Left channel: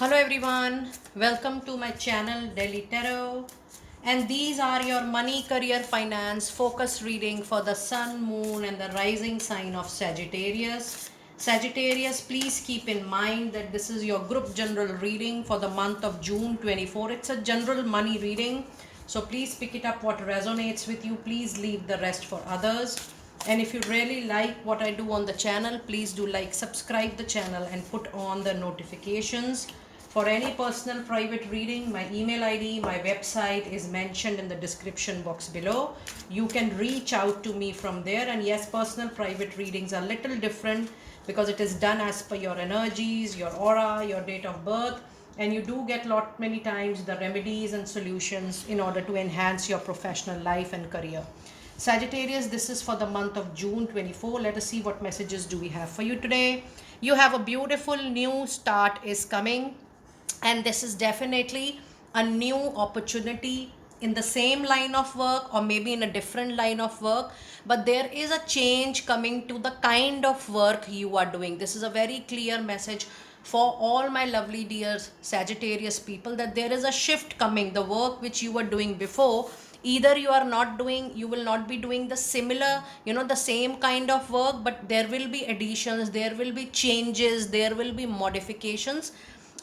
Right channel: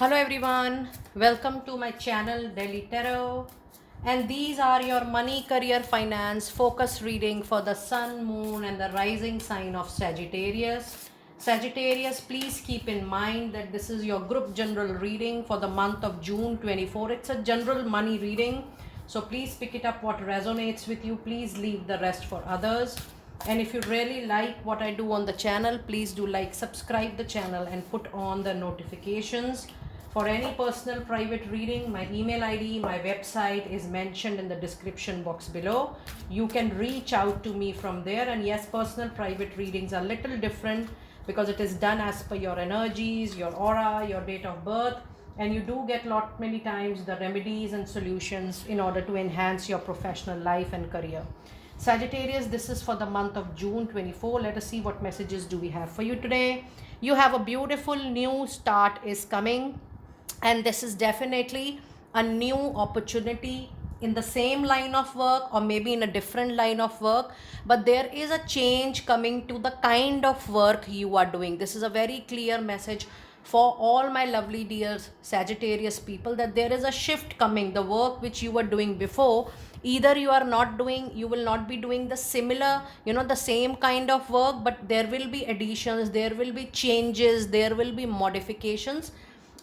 Hello everyone, welcome to my channel Daily Tarot, and these are your money, career, finance focus reading for the sun, moon and the rising sign of Sagittarius. Sagittarius, please keep in mind that this is your group general reading for the month of June 24. It's a general money reading, so please pick it up what resonates with you. Please leave the rest for others. And if you really like what I do on the channel, please do like, subscribe the channel and put on the notifications. For any personal private reading, my email ID, my website is mentioned in the description box below. You can reach out to me from there. And yes, personal private readings are little different because it is done as per your energies, your aura, your date of birth, and you do get lot many times the remedies and solutions in order to enhance your professional life and career. Sagittarius, this is for the month of June 24. Let us see what messages do we have for you today. You have a beautiful new start is coming, and this is definitely a new opportunity in the same line of work or maybe in a different line of work, but there is a change coming to the kind of work you are doing. This is a very clear message for all my lovely dear Sagittarius people, that there is a shift coming. The work which you were doing before, either you are not doing, you will not be doing the similar, the same kind of work, but there will be additions, there will be changes, there will be modifications.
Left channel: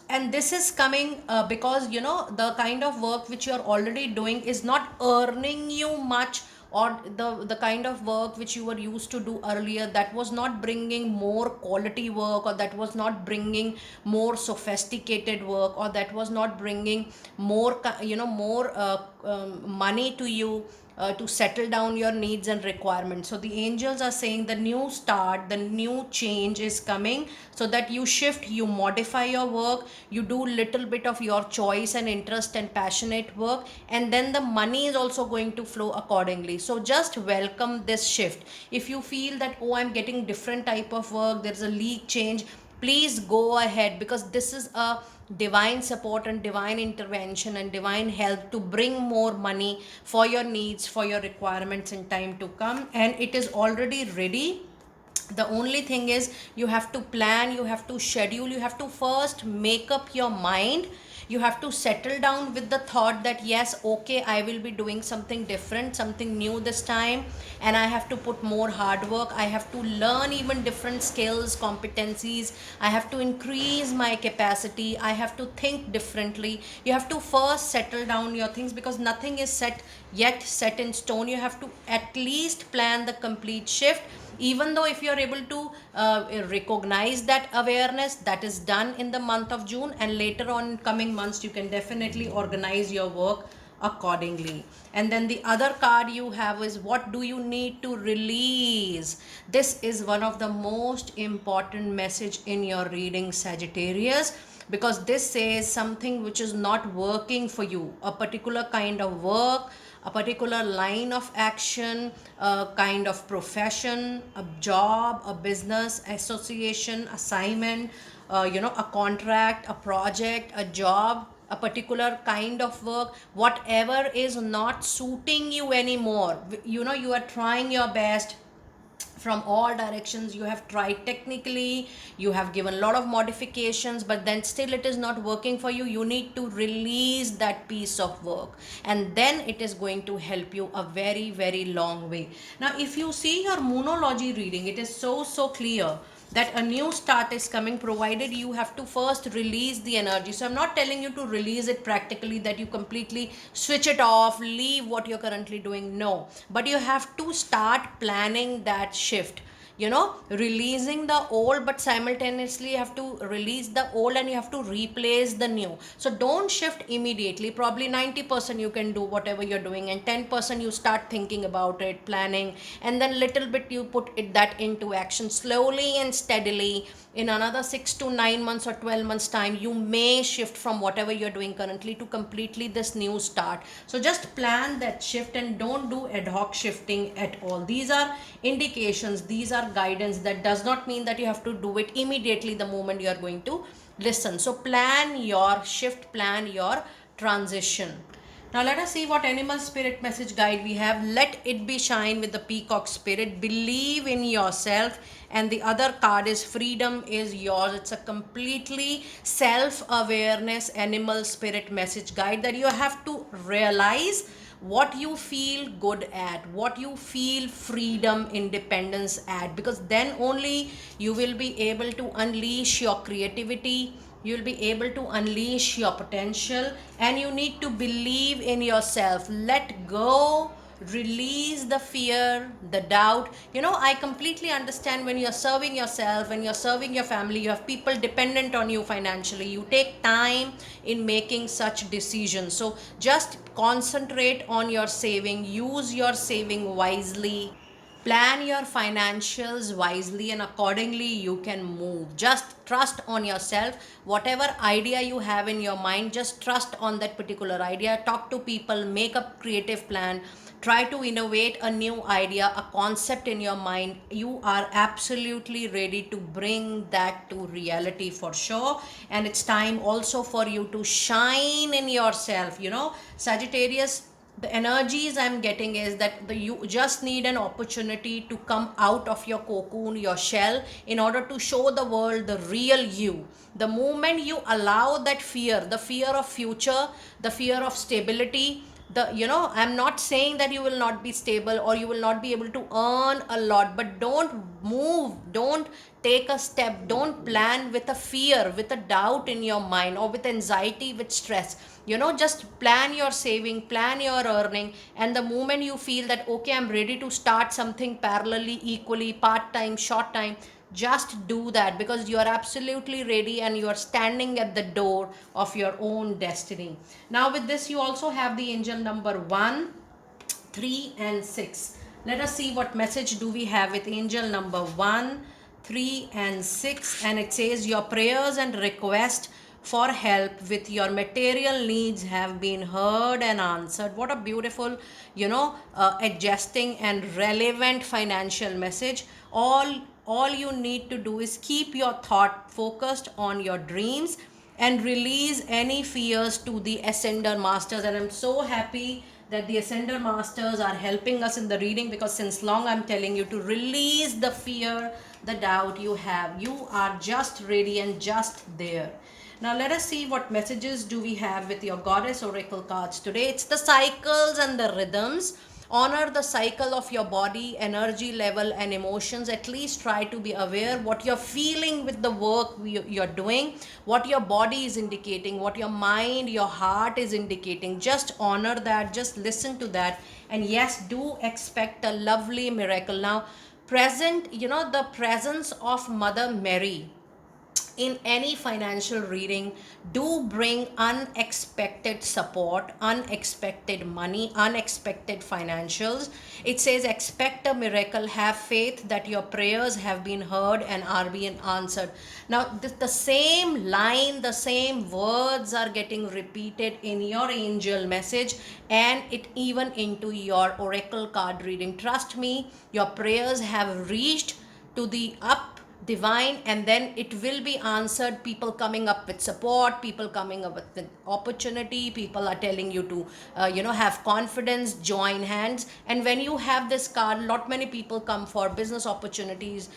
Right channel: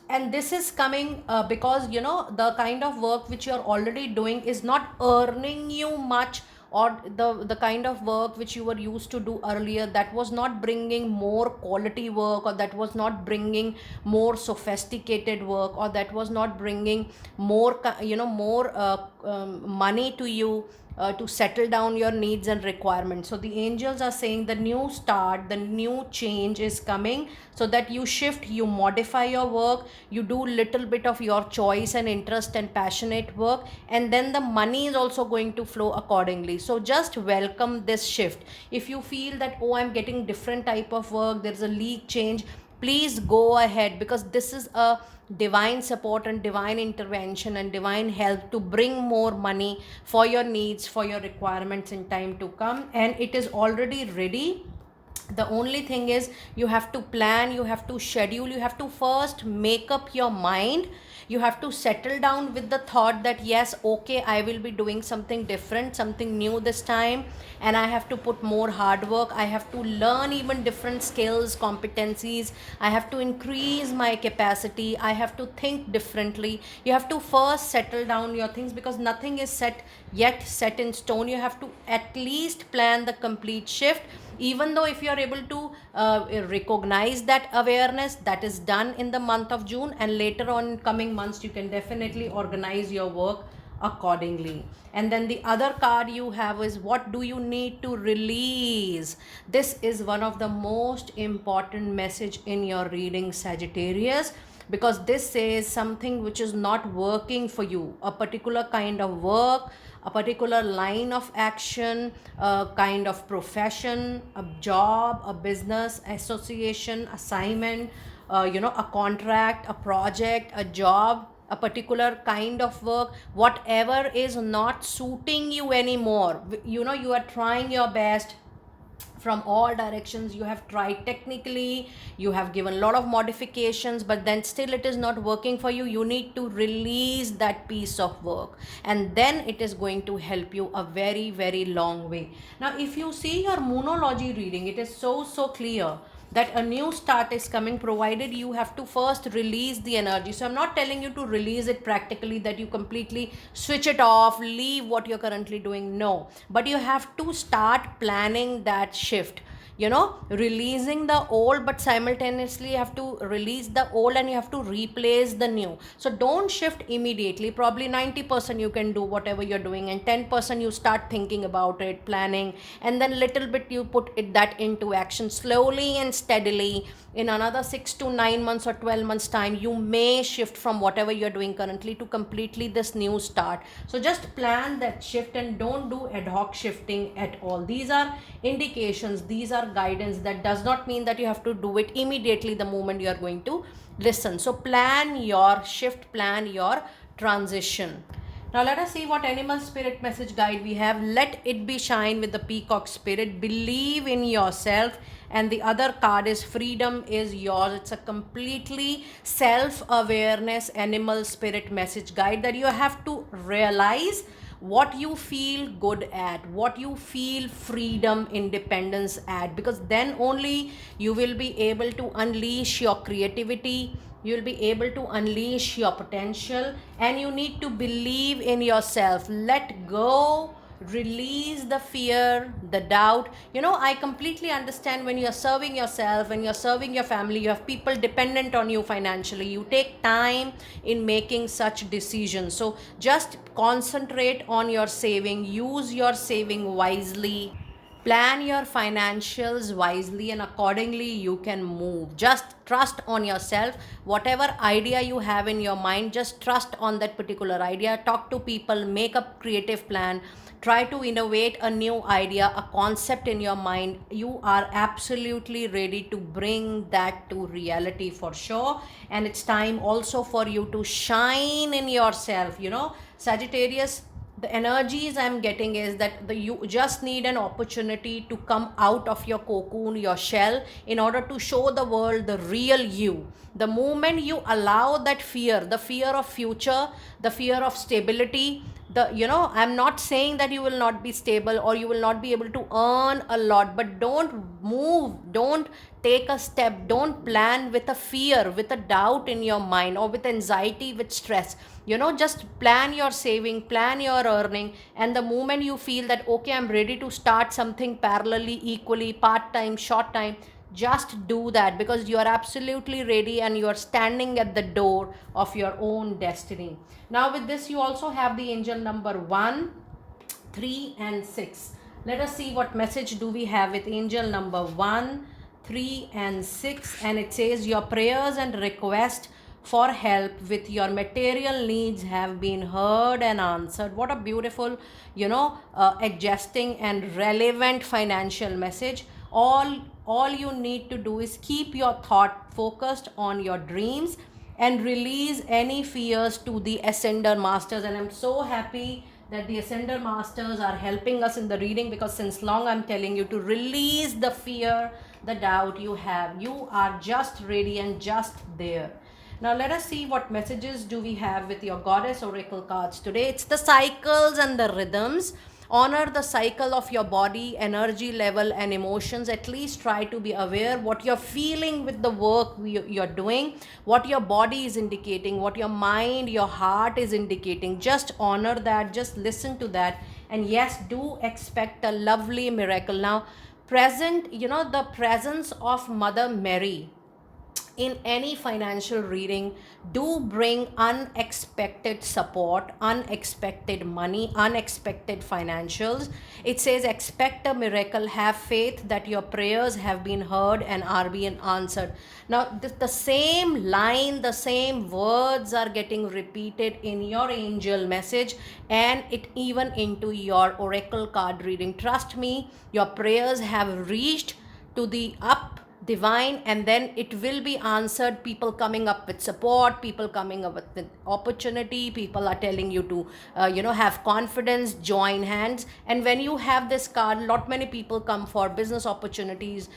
And this is coming because the kind of work which you are already doing is not earning you much, or the kind of work which you were used to do earlier, that was not bringing more quality work, or that was not bringing more sophisticated work, or that was not bringing more money to you, to settle down your needs and requirements. So the angels are saying the new start, the new change is coming, so that you shift, you modify your work, you do little bit of your choice and interest and passionate work, and then the money is also going to flow accordingly. So just welcome this shift. If you feel that, oh, I'm getting different type of work, there's a league change, please go ahead, because this is a divine support and divine intervention and divine help to bring more money for your needs, for your requirements in time to come, and it is already ready. The only thing is, you have to plan, you have to schedule, you have to first make up your mind, you have to settle down with the thought that yes, okay, I will be doing something different, something new this time, and I have to put more hard work, I have to learn even different skills, competencies, I have to increase my capacity, I have to think differently. You have to first settle down your things, because nothing is set in stone. You have to at least plan the complete shift. Even though if you are able to recognize that awareness, that is done in the month of June, and later on in coming months you can definitely organize your work accordingly. And then the other card you have is, what do you need to release? This is one of the most important message in your reading, Sagittarius, because this says something which is not working for you, a particular kind of work, a particular line of action, a kind of profession, a job, a business, association, assignment, a contract, a project, a job, a particular kind of work, whatever is not suiting you anymore. You are trying your best from all directions, you have tried technically, you have given a lot of modifications, but then still it is not working for you. You need to release that piece of work, and then it is going to help you a very, very long way. Now if you see your moonology reading, it is so clear that a new start is coming, provided you have to first release the energy. So I'm not telling you to release it practically, that you completely switch it off, leave what you're currently doing. No, but you have to start planning that shift, releasing the old, but simultaneously you have to release the old and you have to replace the new. So don't shift immediately. Probably 90% you can do whatever you're doing, and 10% you start thinking about it, planning, and then little bit you put that into action slowly and steadily. In another 6 to 9 months or 12 months time, you may shift from whatever you're doing currently to completely this new start. So just plan that shift and don't do ad hoc shifting at all. These are indications, these are guidance. That does not mean that you have to do it immediately the moment you are going to listen. So plan your shift, plan your transition. Now let us see what animal spirit message guide we have. Let it be shine with the peacock spirit. Believe in yourself and the other card is freedom is yours. It's a completely self awareness animal spirit message guide that you have to realize what you feel good at, what you feel freedom, independence at, because then only you will be able to unleash your creativity, you'll be able to unleash your potential, and you need to believe in yourself. Let go, release the fear, the doubt. I completely understand when you're serving yourself, when you're serving your family, you have people dependent on you financially, you take time in making such decisions. So just concentrate on your saving, use your saving wisely, plan your financials wisely, and accordingly you can move. Just trust on yourself. Whatever idea you have in your mind, just trust on that particular idea. Talk to people, make a creative plan, try to innovate a new idea, a concept in your mind. You are absolutely ready to bring that to reality for sure. And it's time also for you to shine in yourself. Sagittarius, the energies I'm getting is that you just need an opportunity to come out of your cocoon, your shell, in order to show the world the real you. The moment you allow that fear, the fear of future, the fear of stability, I'm not saying that you will not be stable or you will not be able to earn a lot, but don't move, don't take a step, don't plan with a fear, with a doubt in your mind, or with anxiety, with stress. Just plan your saving, plan your earning, and the moment you feel that okay, I'm ready to start something parallelly, equally, part time, short time, just do that, because you are absolutely ready and you are standing at the door of your own destiny. Now with this, you also have the angel number 1, 3 and 6. Let us see what message do we have with angel number 1, 3 and 6. And it says, your prayers and request for help with your material needs have been heard and answered. What a beautiful, adjusting and relevant financial message. All you need to do is keep your thought focused on your dreams and release any fears to the ascender masters. And I'm so happy that the ascender masters are helping us in the reading, because since long I'm telling you to release the fear, the doubt you have. You are just ready and just there. Now let us see what messages do we have with your goddess oracle cards today. It's the cycles and the rhythms. Honor the cycle of your body, energy level and emotions. At least try to be aware what you're feeling with the work you're doing, what your body is indicating, what your mind, your heart is indicating. Just honor that, just listen to that. And yes, do expect a lovely miracle. Now present, the presence of Mother Mary in any financial reading do bring unexpected support, unexpected money, unexpected financials. It says expect a miracle, have faith that your prayers have been heard and are being answered. Now the same line, the same words are getting repeated in your angel message, and it even into your oracle card reading. Trust me, your prayers have reached to the up divine, and then it will be answered. People coming up with support, people coming up with opportunity, people are telling you to have confidence, join hands. And when you have this card, lot many people come for business opportunities,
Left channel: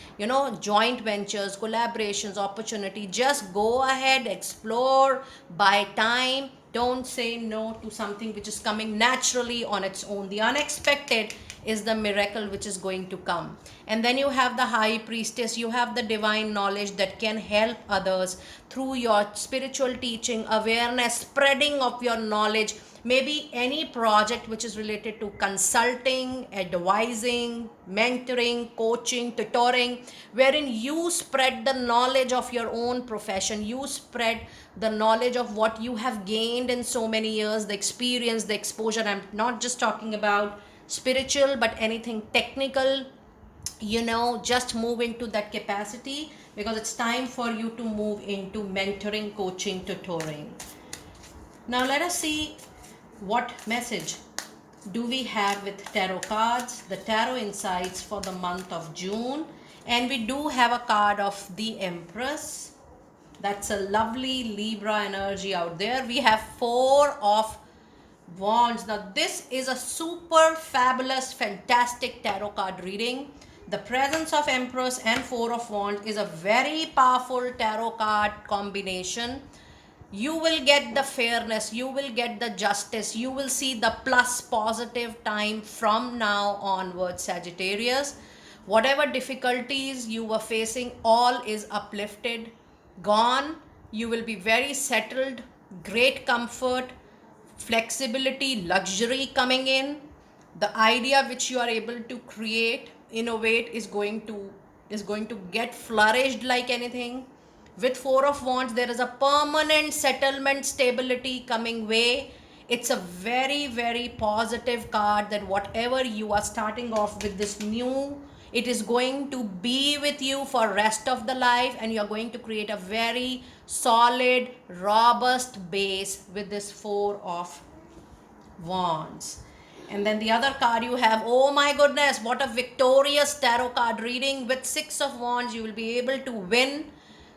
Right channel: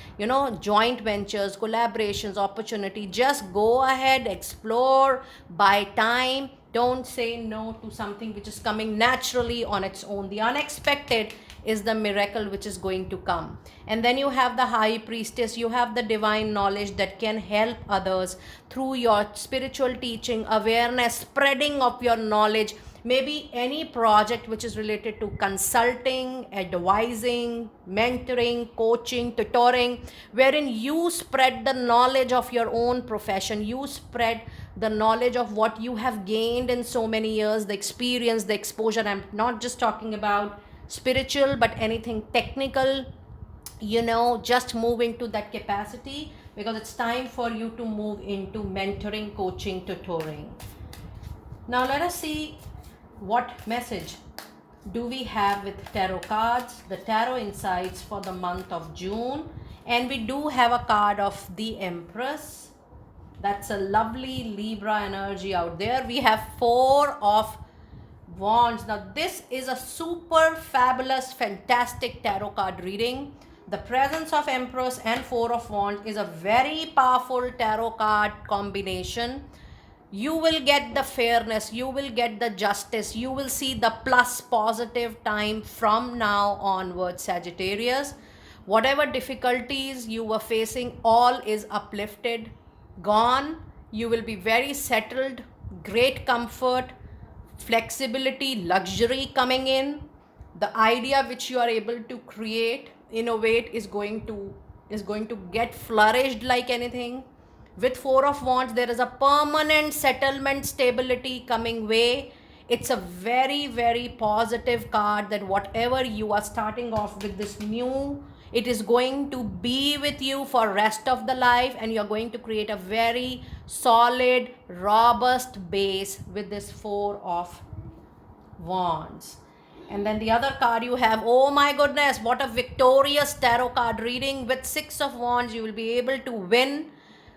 joint ventures, collaborations, opportunity. Just go ahead, explore, buy time. Don't say no to something which is coming naturally on its own. The unexpected is the miracle which is going to come. And then you have the high priestess, you have the divine knowledge that can help others through your spiritual teaching, awareness, spreading of your knowledge. Maybe any project which is related to consulting, advising, mentoring, coaching, tutoring, wherein you spread the knowledge of your own profession, you spread the knowledge of what you have gained in so many years, the experience, the exposure. I'm not just talking about spiritual, but anything technical. Just move into that capacity, because it's time for you to move into mentoring, coaching, tutoring. Now let us see what message do we have with tarot cards, the tarot insights for the month of June. And we do have a card of the Empress. That's a lovely Libra energy out there. We have 4 of Wands. Now this is a super fabulous, fantastic tarot card reading. The presence of Empress and Four of Wands is a very powerful tarot card combination. You will get the fairness, you will get the justice, you will see the plus positive time from now onwards, Sagittarius. Whatever difficulties you were facing, all is uplifted, gone. You will be very settled, great comfort, flexibility, luxury coming in. The idea which you are able to create, innovate, is going to get flourished like anything. With Four of Wands, there is a permanent settlement, stability coming way. It's a very, very positive card that whatever you are starting off with this new, it is going to be with you for rest of the life, and you're going to create a very solid, robust base with this Four of Wands. And then the other card you have, oh my goodness, what a victorious tarot card reading. With Six of Wands, you will be able to win,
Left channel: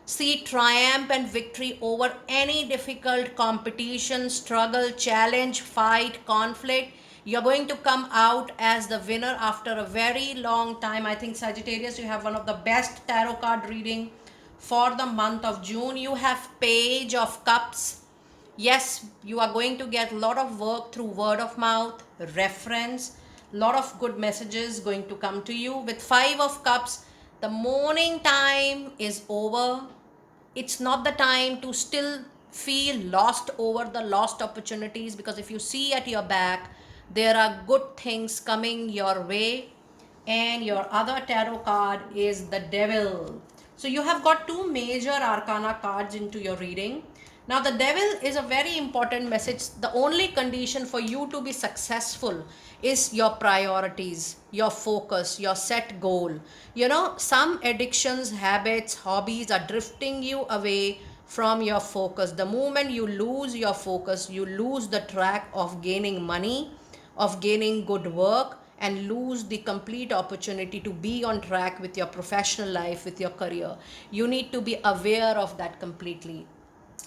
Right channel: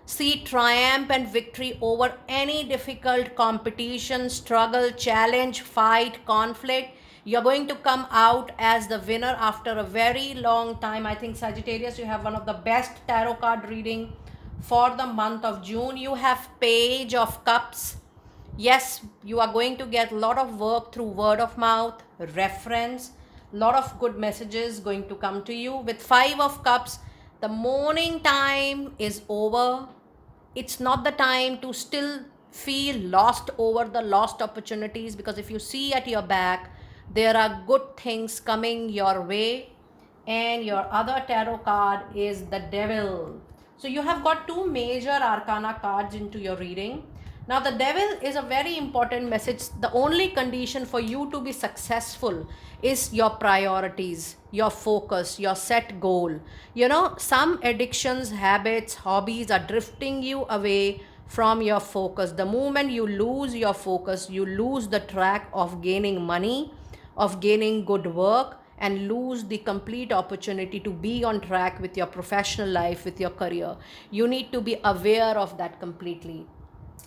see triumph and victory over any difficult competition, struggle, challenge, fight, conflict. You're going to come out as the winner after a very long time. I think, Sagittarius, you have one of the best tarot card reading for the month of June. You have Page of Cups. Yes, you are going to get a lot of work through word of mouth, reference, lot of good messages going to come to you. With Five of Cups, the morning time is over. It's not the time to still feel lost over the lost opportunities, because if you see at your back, there are good things coming your way. And your other tarot card is the Devil. So you have got two major arcana cards into your reading. Now, the Devil is a very important message. The only condition for you to be successful is your priorities, your focus, your set goal. Some addictions, habits, hobbies are drifting you away from your focus. The moment you lose your focus, you lose the track of gaining money, of gaining good work, and lose the complete opportunity to be on track with your professional life, with your career. You need to be aware of that completely.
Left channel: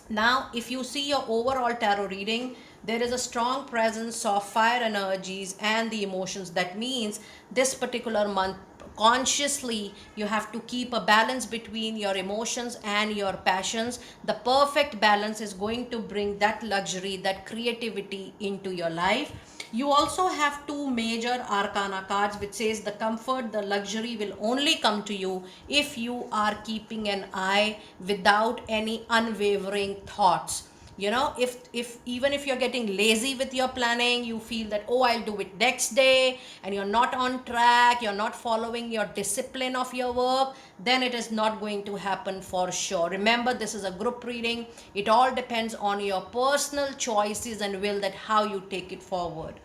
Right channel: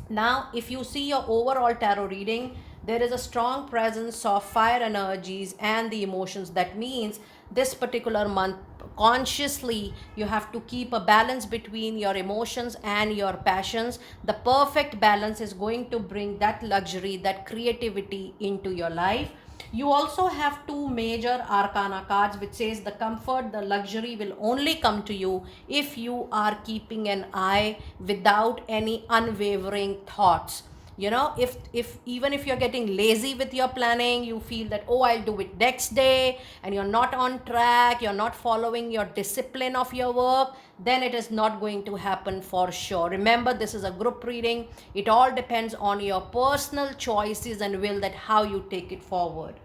Now, if you see your overall tarot reading, there is a strong presence of fire energies and the emotions. That means this particular month, consciously, you have to keep a balance between your emotions and your passions. The perfect balance is going to bring that luxury, that creativity into your life. You also have two major arcana cards which says the comfort, the luxury will only come to you if you are keeping an eye without any unwavering thoughts. If even if you're getting lazy with your planning, you feel that, oh, I'll do it next day, and you're not on track, you're not following your discipline of your work, then it is not going to happen for sure. Remember, this is a group reading. It all depends on your personal choices and will, that how you take it forward.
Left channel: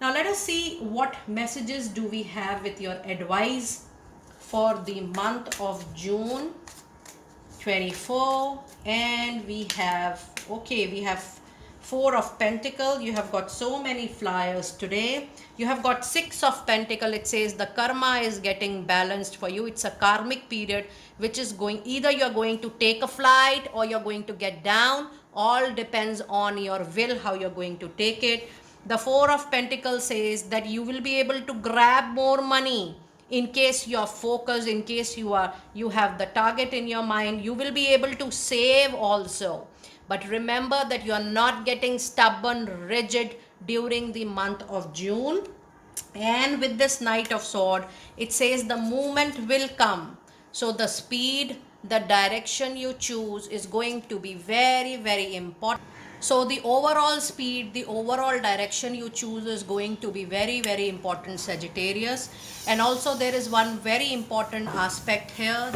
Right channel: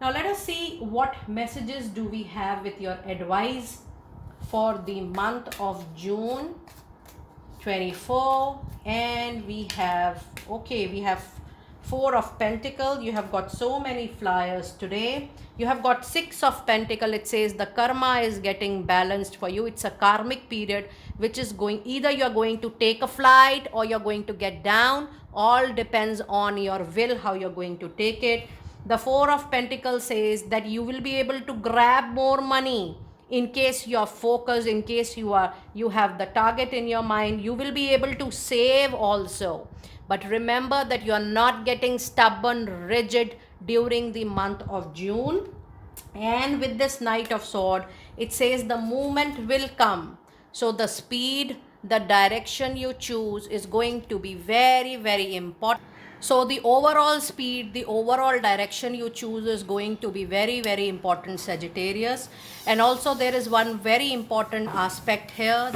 Now let us see what messages do we have with your advice for the month of June 24. And we have Four of Pentacle. You have got so many flyers today. You have got Six of Pentacle. It says the karma is getting balanced for you. It's a karmic period which is going, either you're going to take a flight or you're going to get down. All depends on your will, how you're going to take it. The Four of Pentacles says that you will be able to grab more money in case you're focused, in case you have the target in your mind. You will be able to save also. But remember that you are not getting stubborn, rigid during the month of June. And with this Knight of Sword, it says the movement will come. So the speed, the direction you choose is going to be very, very important. So the overall speed, the overall direction you choose is going to be very, very important, Sagittarius. And also there is one very important aspect here,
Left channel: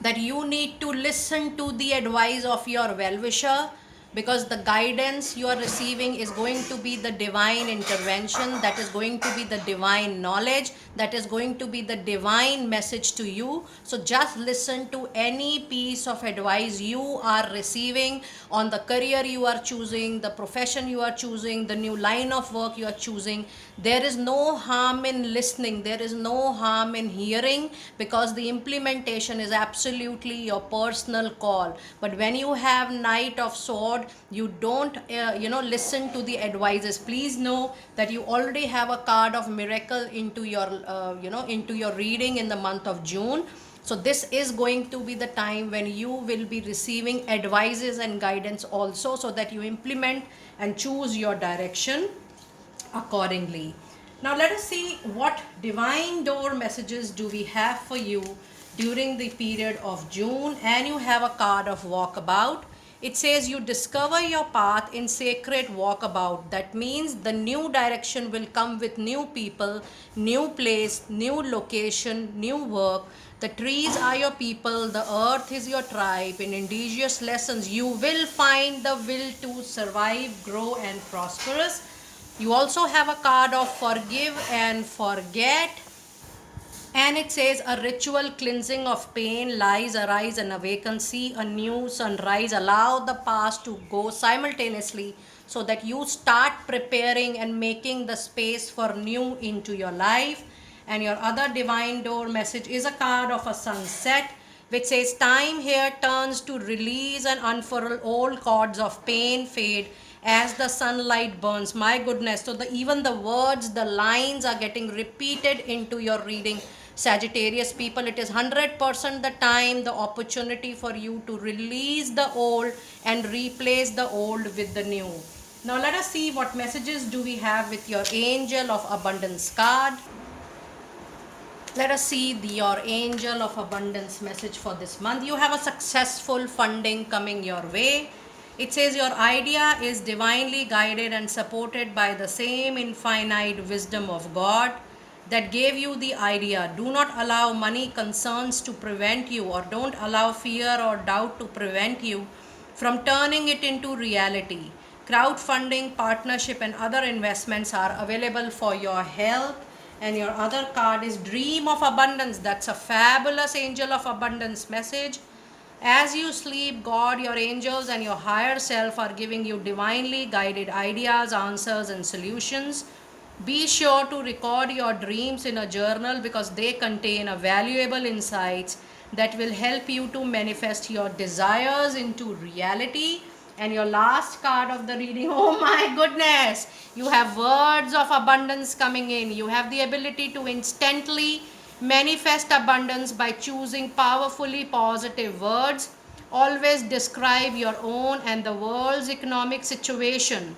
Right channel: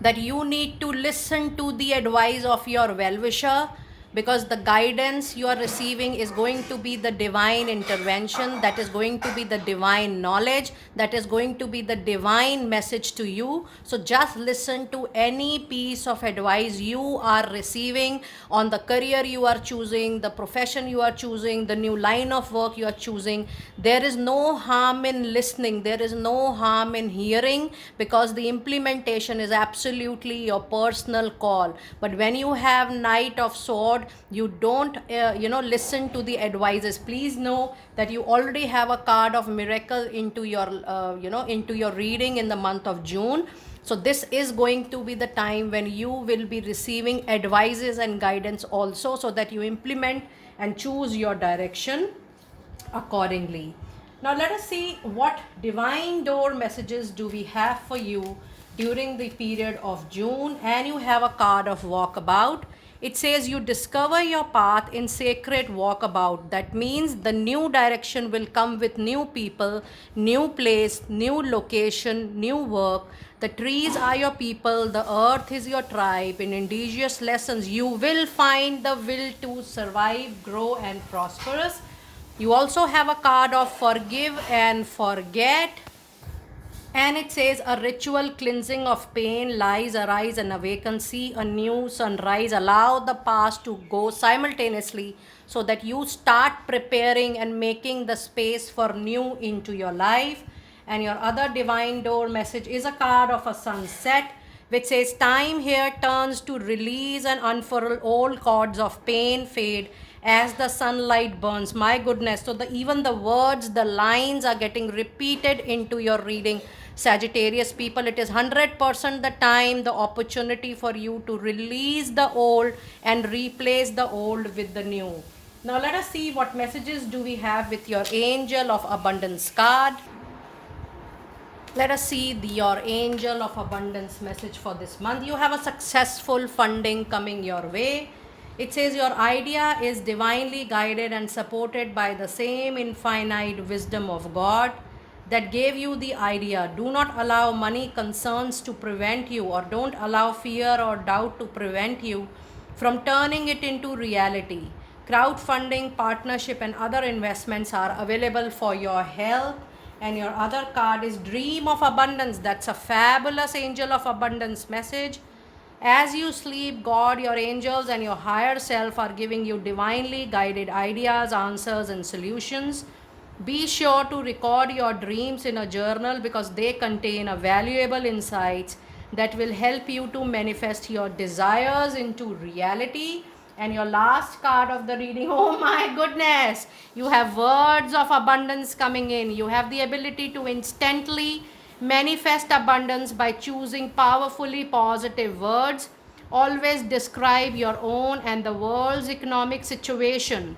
that you need to listen to the advice of your well-wisher, because the guidance you are receiving is going to be the divine intervention, that is going to be the divine knowledge, that is going to be the divine message to you. So just listen to any piece of advice you are receiving on the career you are choosing, the profession you are choosing, the new line of work you are choosing. There is no harm in listening, there is no harm in hearing, because the implementation is absolutely your personal call. But when you have Knight of Sword, you don't listen to the advices. Please know that you already have a card of miracle into your into your reading in the month of June. So this is going to be the time when you will be receiving advices and guidance also, so that you implement and choose your direction accordingly. Now let us see what divine door messages do we have for you during the period of June. And you have a card of walkabout. It says you discover your path in sacred walkabout. That means the new direction will come with new people, new place, new location, new work. The trees are your people, the earth is your tribe. In indigenous lessons, you will find the will to survive, grow, and prosperous. You also have a card of forgive and forget. And it says a ritual cleansing of pain, lies, arise and awaken. See a new sunrise. Allow the past to go simultaneously, so that you start preparing and making the space for new into your life. And your other divine door message is a card of a sunset, which says time here turns to release and unfurl old cords of pain fade as the sunlight burns. My goodness. So even the words, the lines are getting repeated into your reading. Sagittarius people, it is 100% the time, the opportunity for you to release the old and replace the old with the new. Now let us see what messages do we have with your angel of abundance card. Let us see your angel of abundance message for this month. You have a successful funding coming your way. It says your idea is divinely guided and supported by the same infinite wisdom of God that gave you the idea. Do not allow money concerns to prevent you, or don't allow fear or doubt to prevent you from turning it into reality. Crowdfunding, partnership, and other investments are available for your help. And your other card is dream of abundance. That's a fabulous angel of abundance message. As you sleep, God, your angels, and your higher self are giving you divinely guided ideas, answers, and solutions. Be sure to record your dreams in a journal, because they contain a valuable insights that will help you to manifest your desires into reality. And your last card of the reading, oh my goodness, you have words of abundance coming in. You have the ability to instantly manifest abundance by choosing powerfully positive words. Always describe your own and the world's economic situation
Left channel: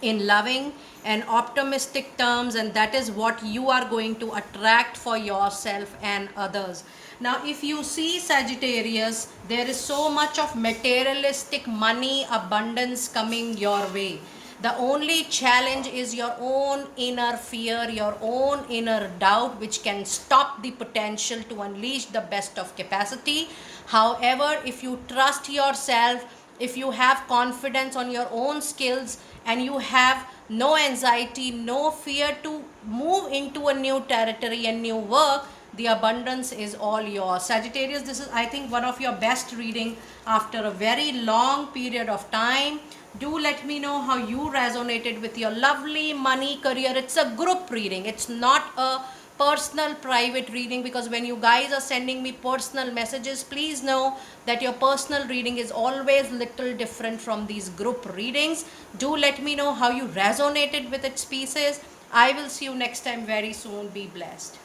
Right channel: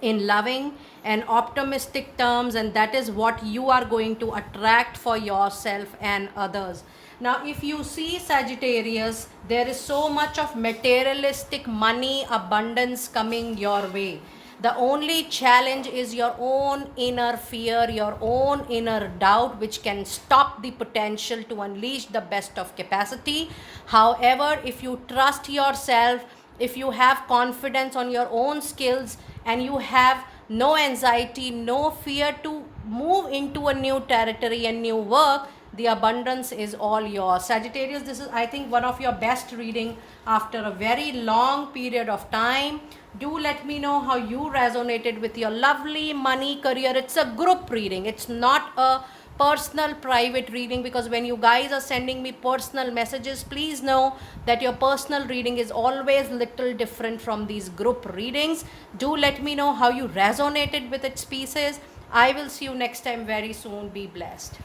in loving and optimistic terms, and that is what you are going to attract for yourself and others. Now if you see Sagittarius, there is so much of materialistic money abundance coming your way. The only challenge is your own inner fear, your own inner doubt, which can stop the potential to unleash the best of capacity. However, if you trust yourself, if you have confidence on your own skills, and you have no anxiety, no fear to move into a new territory and new work, the abundance is all yours. Sagittarius, this is, I think, one of your best reading after a very long period of time. Do let me know how you resonated with your lovely money career. It's a group reading. It's not a personal private reading, because when you guys are sending me personal messages, please know that your personal reading is always little different from these group readings. Do let me know how you resonated with its pieces. I will see you next time very soon. Be blessed.